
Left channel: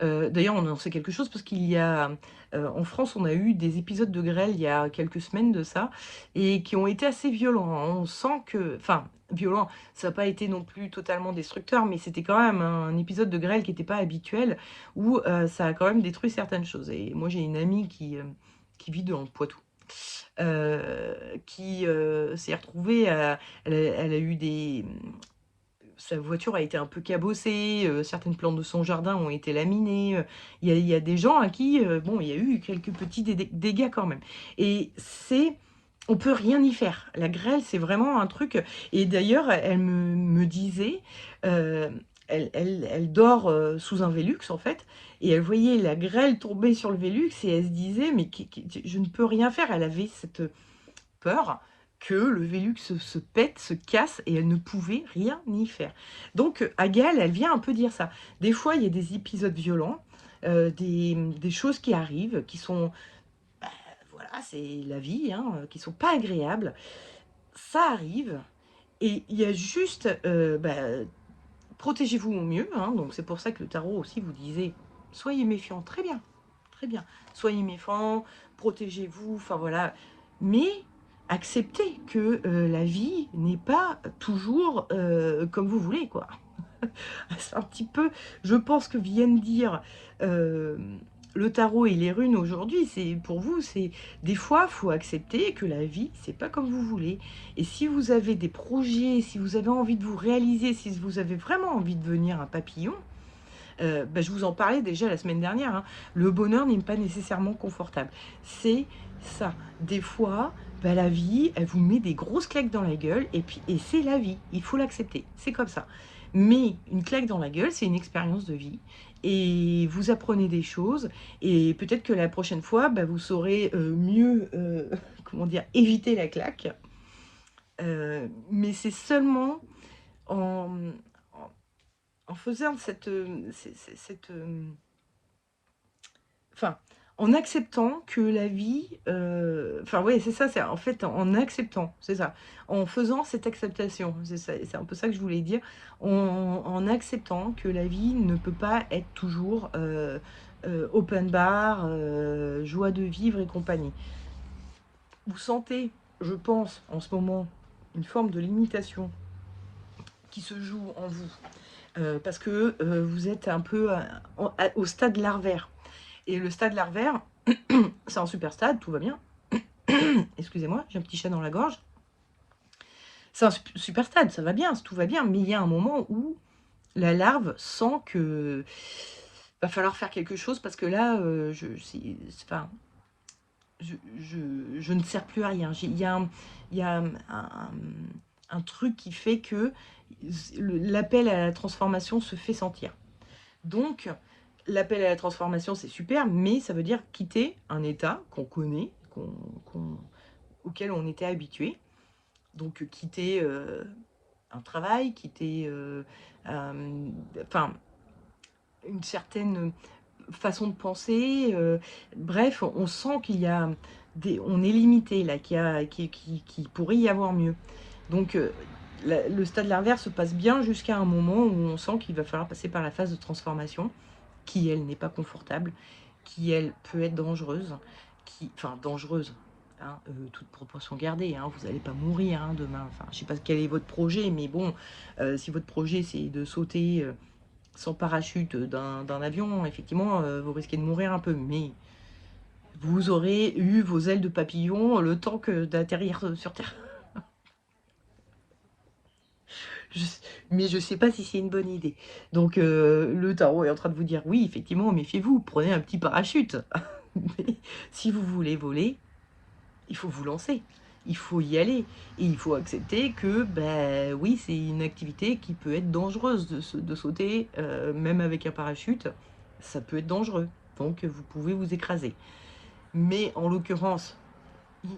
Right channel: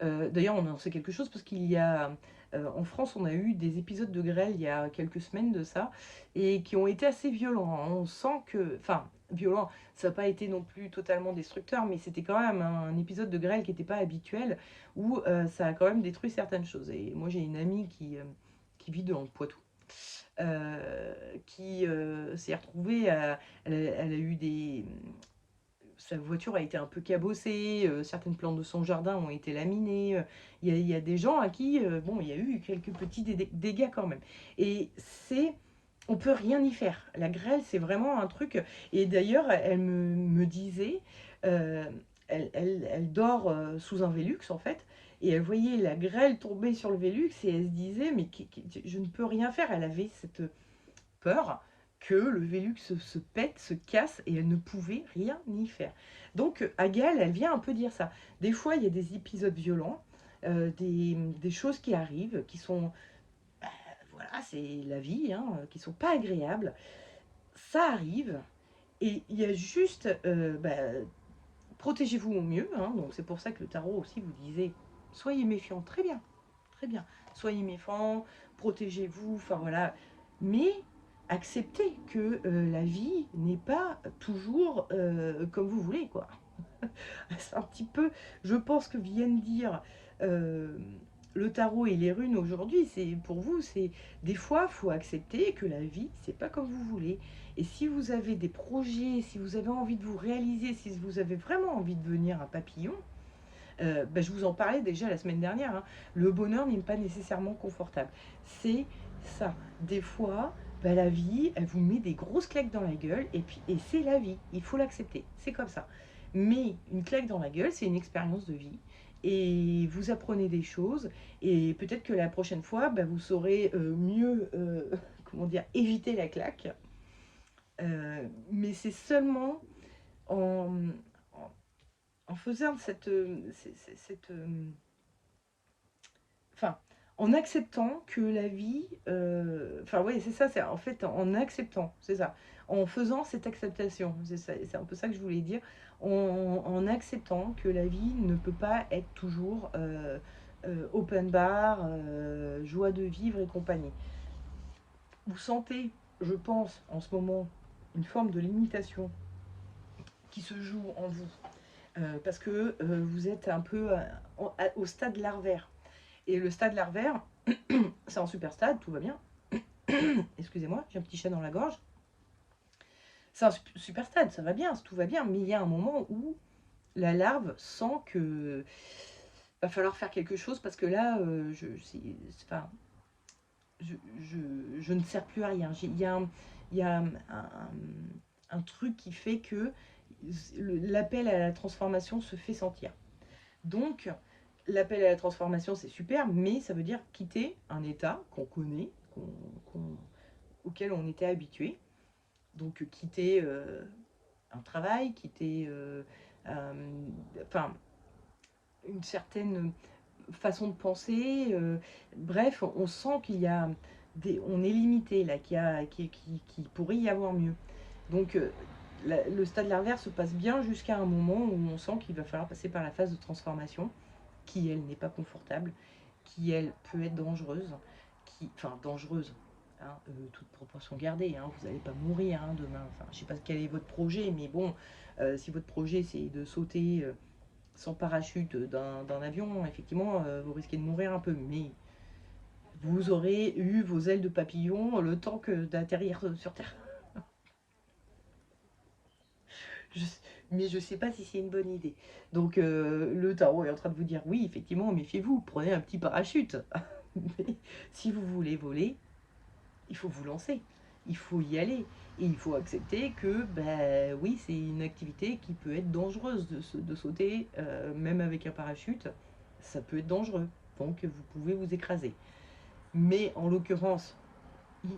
D'ailleurs, on en sait quelque chose parce qu'il y a, en France, on a eu des épisodes de grêle il y a quelques semaines de ça, et qui ont été assez violents, hein. On sent que, enfin, violent, ça n'a pas été non plus totalement destructeur, mais c'était quand même un épisode de grêle qui n'était pas habituel, où ça a quand même détruit certaines choses. Et moi, j'ai une amie qui vit dans le Poitou, qui s'est retrouvée, elle a eu des... Sa voiture a été un peu cabossée, certaines plantes de son jardin ont été laminées. Il y a des gens à qui, bon, il y a eu quelques petits dégâts quand même. Et c'est... On peut rien y faire. La grêle, c'est vraiment un truc... Et d'ailleurs, elle me disait... elle dort sous un Velux, en fait, et elle voyait la grêle tomber sur le Velux, et elle se disait, mais je ne peux rien faire. Elle avait cette peur que le Velux se pète, se casse, et elle ne pouvait rien y faire. Donc Agal, elle vient un peu dire ça. Des fois, il y a des épisodes violents, des choses qui arrivent, qui sont, voilà, c'est la vie, hein, qui sont pas agréables. Ça arrive, et il y a juste, protégez-vous au mieux, hein. Donc c'est pour ça que le tarot aussi vous disait, soyez méfiants, très bien, très bien. Soyez méfiants, protégez-vous, enfin voilà. Mais acceptez que la vie n'est pas toujours comme vous voulez, quoi. C'est un petit peu, je pense que viennent dire euh, le tarot et les runes aujourd'hui, c'est pour vous, c'est des fois, faut accepter que la vie, c'est pas comme vous voulez. Et si vous avez des projets, si vous avez envie de vous réaliser, si vous avez vraiment envie de devenir un papillon, je vous en parlais déjà la semaine dernière, hein, le bonheur n'est pas nécessairement confortable. C'est ça. Des fois, la vie, elle vous met des grosses claques dans la gueule, et c'est la vie. Il faut l'accepter. C'est comme ça. Mais une claque dans la gueule, c'est une expérience de vie. Et vous apprenez des choses. Et peut-être que la prochaine fois, vous saurez mieux, comment dire, éviter la claque. Mais c'est seulement en, en, en faisant enfin, en acceptant que la vie, enfin ouais, c'est ça, c'est en fait en acceptant, c'est ça, en faisant cette acceptation, c'est un peu ça que je voulais dire, en acceptant que la vie ne peut pas être toujours open bar, joie de vivre et compagnie. Vous sentez, je pense, en ce moment, une forme de limitation qui se joue en vous, parce que vous êtes un peu au stade larvaire. Et le stade larvaire, c'est un super stade, tout va bien. Excusez-moi, j'ai un petit chat dans la gorge. C'est un super stade, ça va bien, tout va bien. Mais il y a un moment où la larve sent que va falloir faire quelque chose parce que là, enfin, je ne sers plus à rien. Il y a un truc qui fait que l'appel à la transformation se fait sentir. Donc, l'appel à la transformation, c'est super, mais ça veut dire quitter un état qu'on connaît, auquel on était habitué. Donc, quitter un travail, quitter enfin, une certaine façon de penser. Bref, on sent qu'il y a on est limité là, qu'il pourrait y avoir mieux. Donc, le stade larvaire se passe bien jusqu'à un moment où on sent qu'il va falloir passer par la phase de transformation qui, elle, n'est pas confortable, qui, elle, peut être dangereuse, enfin, dangereuse, hein, toute proportion gardée, hein, vous n'allez pas mourir hein, demain, enfin, je ne sais pas quel est votre projet, mais bon, si votre projet, c'est de sauter sans parachute d'un avion, effectivement, vous risquez de mourir un peu, mais vous aurez eu vos ailes de papillon le temps d'atterrir sur Terre. Je, mais je ne sais pas si c'est une bonne idée. Donc le tarot est en train de vous dire, oui, effectivement, méfiez-vous, prenez un petit parachute. Mais si vous voulez voler, il faut vous lancer. Il faut y aller. Et il faut accepter que, ben oui, c'est une activité qui peut être dangereuse de sauter, même avec un parachute. Ça peut être dangereux. Donc vous pouvez vous écraser. Mais en l'occurrence,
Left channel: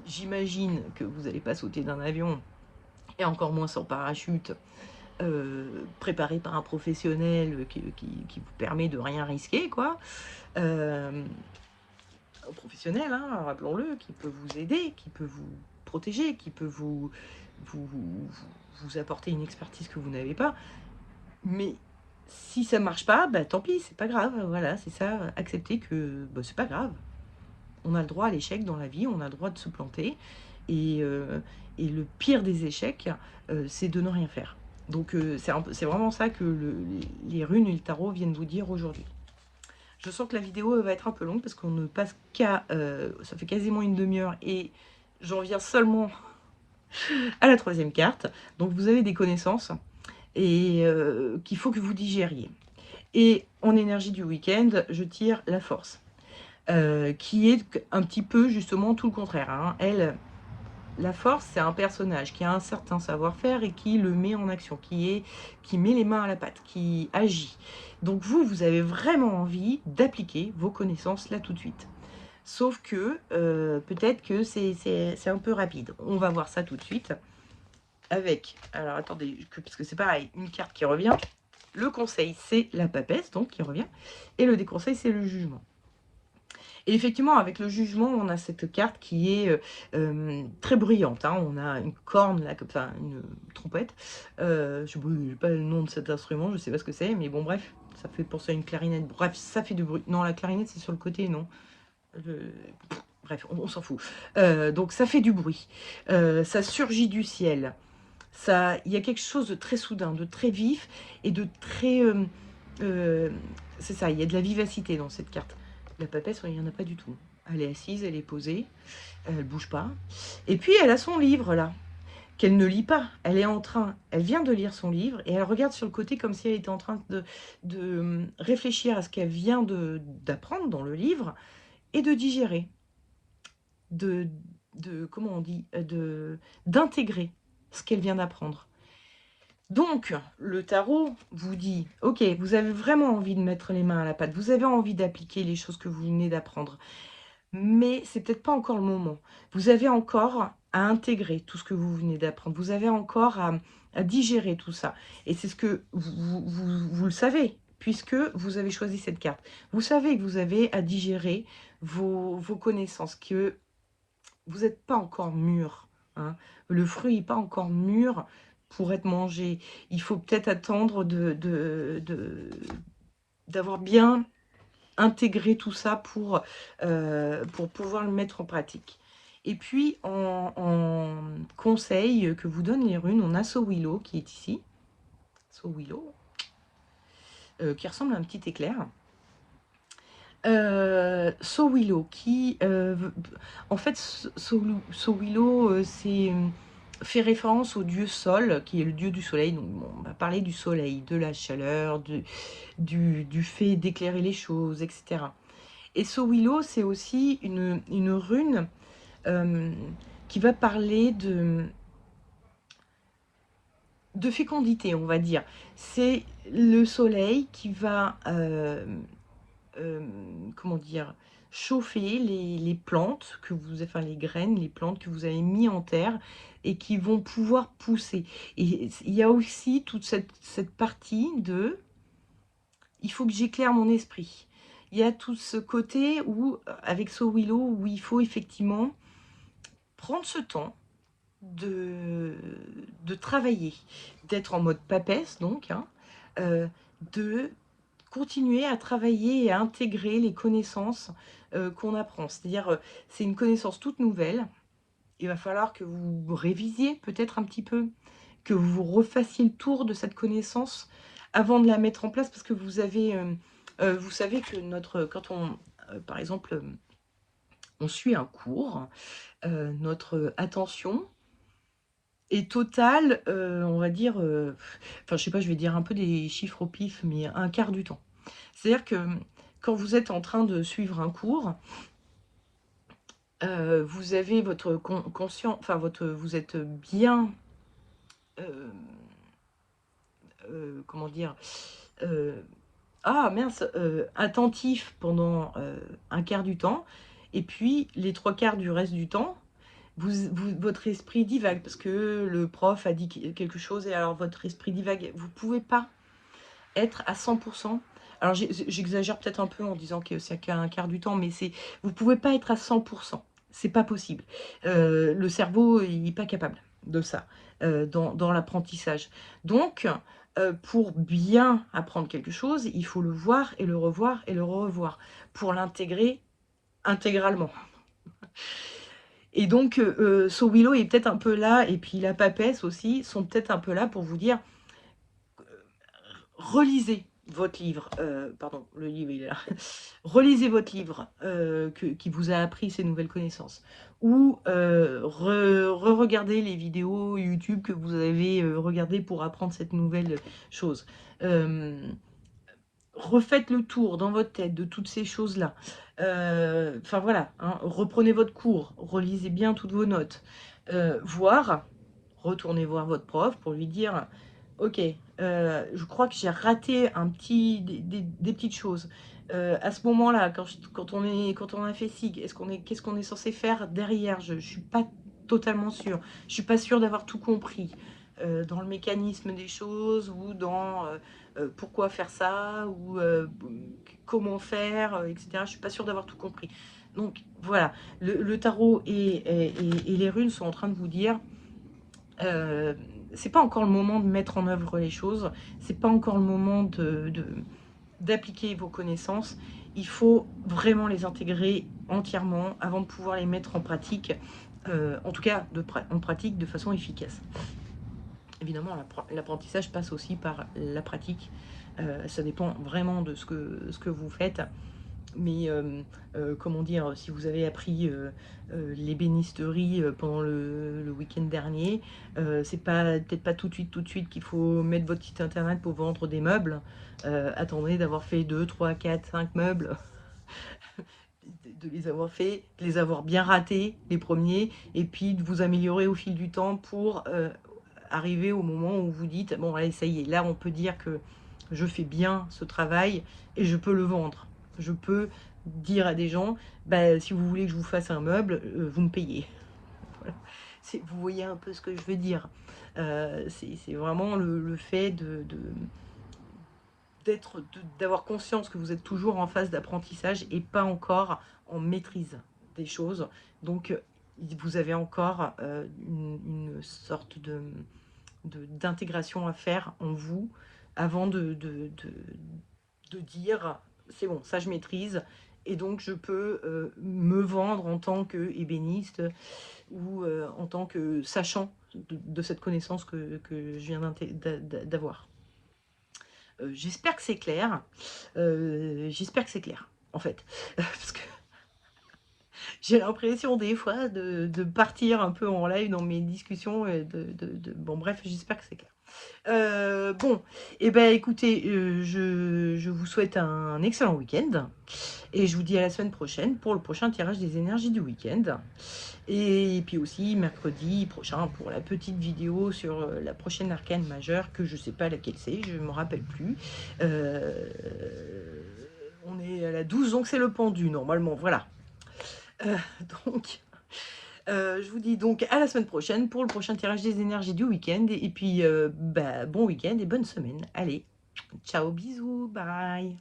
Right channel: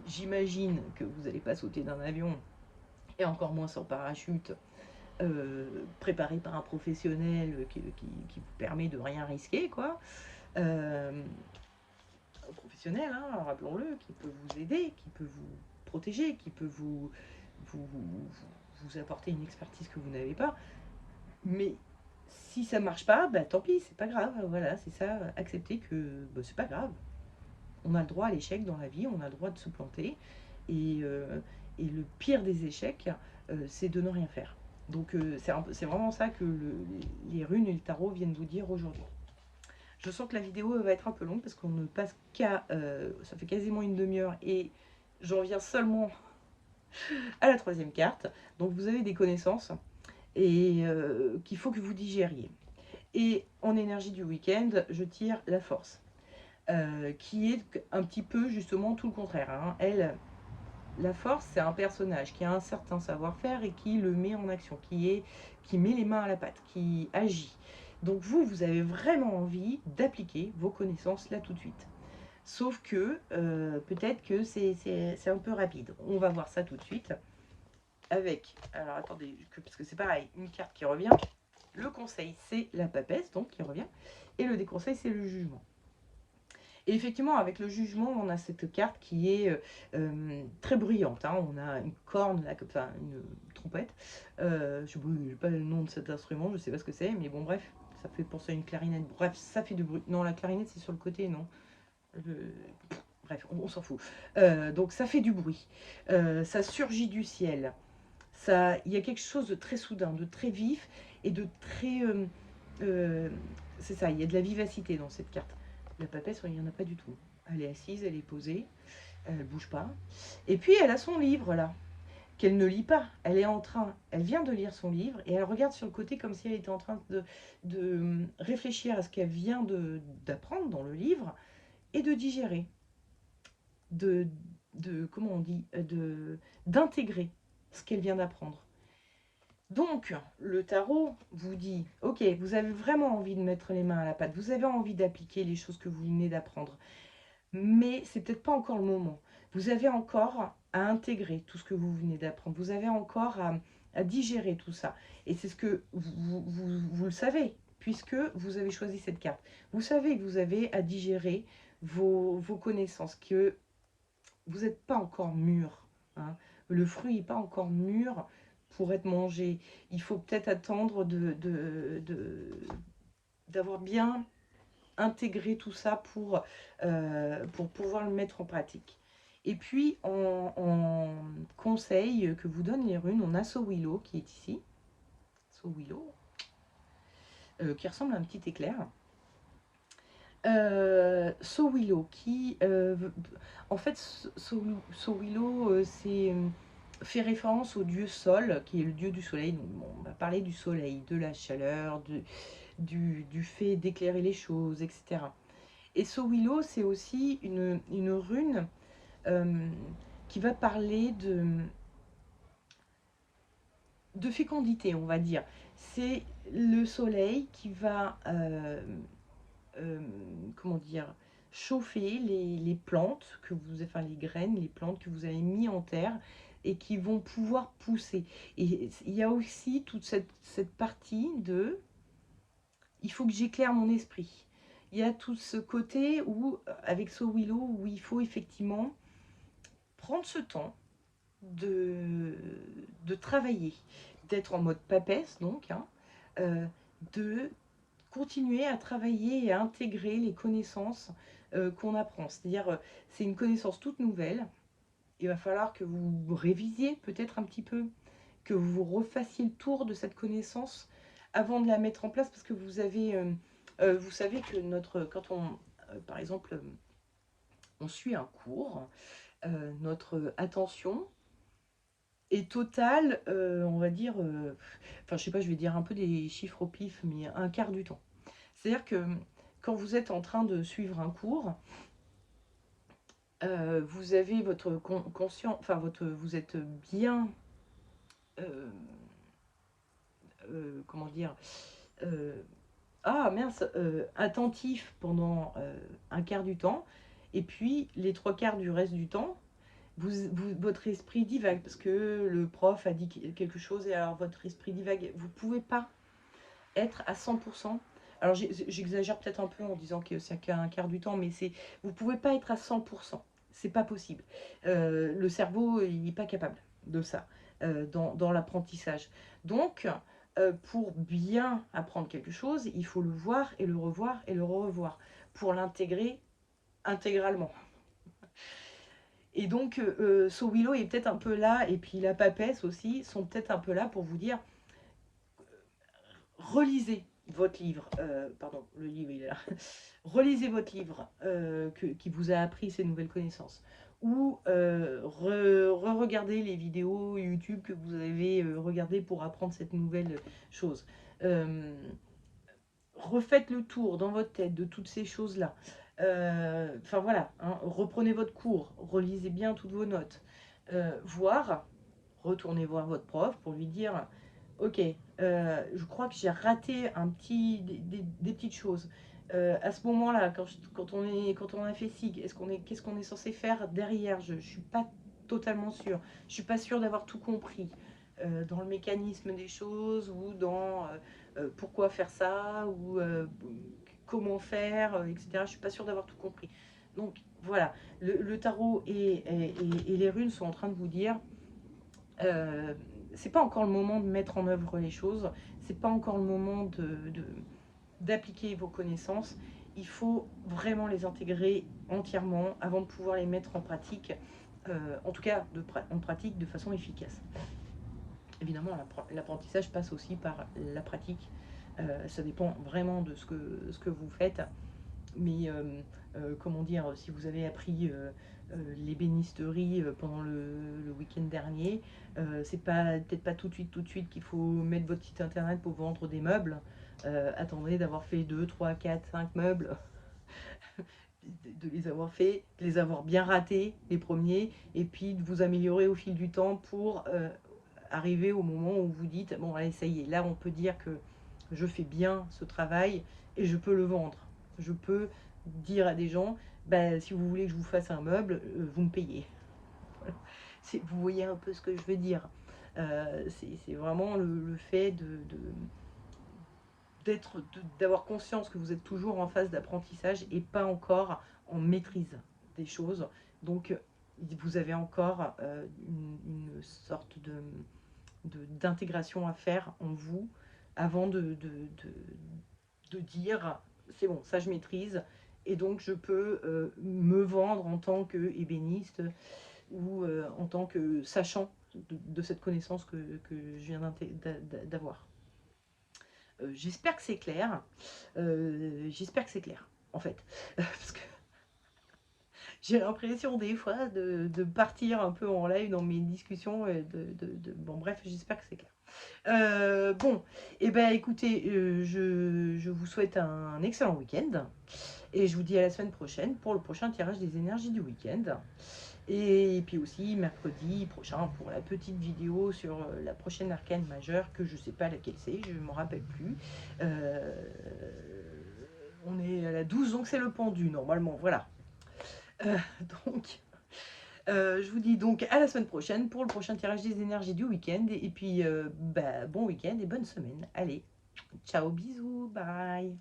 j'imagine que vous n'allez pas sauter d'un avion, et encore moins sans parachute, préparé par un professionnel qui vous permet de rien risquer, quoi. Professionnel, hein, rappelons-le, qui peut vous aider, qui peut vous protéger, qui peut vous, vous, vous apporter une expertise que vous n'avez pas. Mais si ça marche pas, bah, tant pis, c'est pas grave. Voilà, c'est ça, accepter que bah, c'est pas grave. On a le droit à l'échec dans la vie, on a le droit de se planter. Et, euh, et le pire des échecs, c'est de ne rien faire. Donc c'est vraiment ça que les runes et le tarot viennent vous dire aujourd'hui. Je sens que la vidéo va être un peu longue parce qu'on ne passe qu'à... ça fait quasiment une demi-heure et j'en viens seulement à la troisième carte. Donc vous avez des connaissances et qu'il faut que vous digériez. Et en énergie du week-end, je tire la force, qui est un petit peu justement tout le contraire. Hein. Elle, la force, c'est un personnage qui a un certain savoir-faire et qui le met en action, qui met les mains à la pâte, qui agit. Donc vous avez vraiment envie d'appliquer vos connaissances là tout de suite. Sauf que peut-être que c'est un peu rapide. On va voir ça tout de suite avec, alors attendez, parce que c'est pareil, une carte qui revient. Le conseil, c'est la papesse, donc qui revient. Et le déconseil, c'est le jugement. Et effectivement, avec le jugement, on a cette carte qui est très bruyante. Hein. On a une corne, là, enfin une trompette. Je ne sais pas le nom de cet instrument, je ne sais pas ce que c'est, mais bon, bref, ça fait penser à une clarinette. Bref, ça fait du bruit. Non, la clarinette, c'est sur le côté, non. Bref, on s'en fout. Donc, ça fait du bruit. Ça surgit du ciel. Il y a quelque chose de très soudain, de très vif et de très... c'est ça, il y a de la vivacité dans cette carte. La papesse, il n'y en a pas du tout. Elle est assise, elle est posée, elle bouge pas. Et puis elle a son livre là, qu'elle ne lit pas. Elle vient de lire son livre et elle regarde sur le côté comme si elle était en train de réfléchir à ce qu'elle vient d'apprendre dans le livre et de digérer, de, comment on dit, d'intégrer ce qu'elle vient d'apprendre. Donc, le tarot vous dit, ok, vous avez vraiment envie de mettre les mains à la pâte, vous avez envie d'appliquer les choses que vous venez d'apprendre, mais c'est peut-être pas encore le moment. Vous avez encore à intégrer tout ce que vous venez d'apprendre. Vous avez encore à digérer tout ça. Et c'est ce que vous le savez, puisque vous avez choisi cette carte. Vous savez que vous avez à digérer vos connaissances, que vous n'êtes pas encore mûr, hein. Le fruit n'est pas encore mûr pour être mangé. Il faut peut-être attendre d'avoir bien intégré tout ça pour pouvoir le mettre en pratique. Et puis, en conseil que vous donnent les runes, on a Sowilo qui est ici. Sowilo, qui ressemble à un petit éclair. Sowilo, qui en fait Sowilo c'est fait référence au dieu Sol, qui est le dieu du soleil. Donc bon, on va parler du soleil, de la chaleur, du fait d'éclairer les choses, etc. Et Sowilo, c'est aussi une rune qui va parler de fécondité, on va dire. C'est le soleil qui va comment dire, chauffer les plantes que vous, enfin les graines, les plantes que vous avez mis en terre et qui vont pouvoir pousser. Et il y a aussi toute cette partie de, il faut que j'éclaire mon esprit. Il y a tout ce côté où, avec Sowilo, où il faut effectivement prendre ce temps de travailler, d'être en mode papesse donc, hein, de continuer à travailler et à intégrer les connaissances qu'on apprend. C'est-à-dire, c'est une connaissance toute nouvelle. Il va falloir que vous révisiez peut-être un petit peu, que vous refassiez le tour de cette connaissance avant de la mettre en place, parce que vous avez, vous savez que quand on, par exemple, on suit un cours, notre attention est totale, on va dire, enfin je sais pas, je vais dire un peu des chiffres au pif, mais un quart du temps. C'est-à-dire que quand vous êtes en train de suivre un cours, vous avez votre conscient, enfin vous êtes bien, euh, comment dire, euh, ah mince, attentif pendant un quart du temps, et puis les trois quarts du reste du temps, votre esprit divague, parce que le prof a dit quelque chose, et alors votre esprit divague. Vous ne pouvez pas être à 100%. Alors j'exagère peut-être un peu en disant que c'est qu'un quart du temps, mais vous ne pouvez pas être à 100%. C'est pas possible. Le cerveau, il n'est pas capable de ça dans l'apprentissage. Donc, pour bien apprendre quelque chose, il faut le voir et le revoir et le revoir pour l'intégrer intégralement. Et donc, Sowilo est peut-être un peu là, et puis la papesse aussi, sont peut-être un peu là pour vous dire, relisez votre livre, pardon, le livre il est là, relisez votre livre qui vous a appris ces nouvelles connaissances, ou re-regardez les vidéos YouTube que vous avez regardées pour apprendre cette nouvelle chose. Refaites le tour dans votre tête de toutes ces choses-là. Enfin voilà, hein, reprenez votre cours, relisez bien toutes vos notes, voire retournez voir votre prof pour lui dire ok, je crois que j'ai raté des petites choses. À ce moment-là, quand on a fait SIG, qu'est-ce qu'on est censé faire derrière? Je ne suis pas totalement sûre. Je ne suis pas sûre d'avoir tout compris dans le mécanisme des choses, ou dans pourquoi faire ça, ou comment faire, etc. Je ne suis pas sûre d'avoir tout compris. Donc voilà, le tarot et les runes sont en train de vous dire c'est pas encore le moment de mettre en œuvre les choses, c'est pas encore le moment d'appliquer vos connaissances. Il faut vraiment les intégrer entièrement avant de pouvoir les mettre en pratique, en tout cas en pratique de façon efficace. Évidemment, l'apprentissage passe aussi par la pratique. Ça dépend vraiment de ce que vous faites. Mais comment dire, si vous avez appris l'ébénisterie pendant le week-end dernier, c'est peut-être pas tout de suite qu'il faut mettre votre site internet pour vendre des meubles. Attendez d'avoir fait 2, 3, 4, 5 meubles, de les avoir fait, de les avoir bien ratés les premiers, et puis de vous améliorer au fil du temps pour arriver au moment où vous dites bon allez ça y est, là on peut dire que je fais bien ce travail et je peux le vendre. Je peux dire à des gens, bah, si vous voulez que je vous fasse un meuble, vous me payez. Voilà. Vous voyez un peu ce que je veux dire. C'est vraiment le fait d'avoir conscience que vous êtes toujours en phase d'apprentissage et pas encore en maîtrise des choses. Donc, vous avez encore une sorte d'intégration à faire en vous avant de dire c'est bon, ça je maîtrise et donc je peux me vendre en tant qu'ébéniste ou en tant que sachant de cette connaissance que je viens d'avoir. J'espère que c'est clair. J'espère que c'est clair, en fait. Parce que j'ai l'impression des fois de partir un peu en live dans mes discussions. Et bon, bref, j'espère que c'est clair. Bon, et ben écoutez, je vous souhaite un excellent week-end. Et je vous dis à la semaine prochaine pour le prochain tirage des énergies du week-end. Et puis aussi mercredi prochain pour la petite vidéo sur la prochaine arcane majeure, que je ne sais pas laquelle c'est, je ne me rappelle plus. On est à la 12, donc c'est le pendu normalement, voilà. Euh, donc, je vous dis donc à la semaine prochaine pour le prochain tirage des énergies du week-end. Et puis, bon week-end et bonne semaine. Allez, ciao, bisous, bye.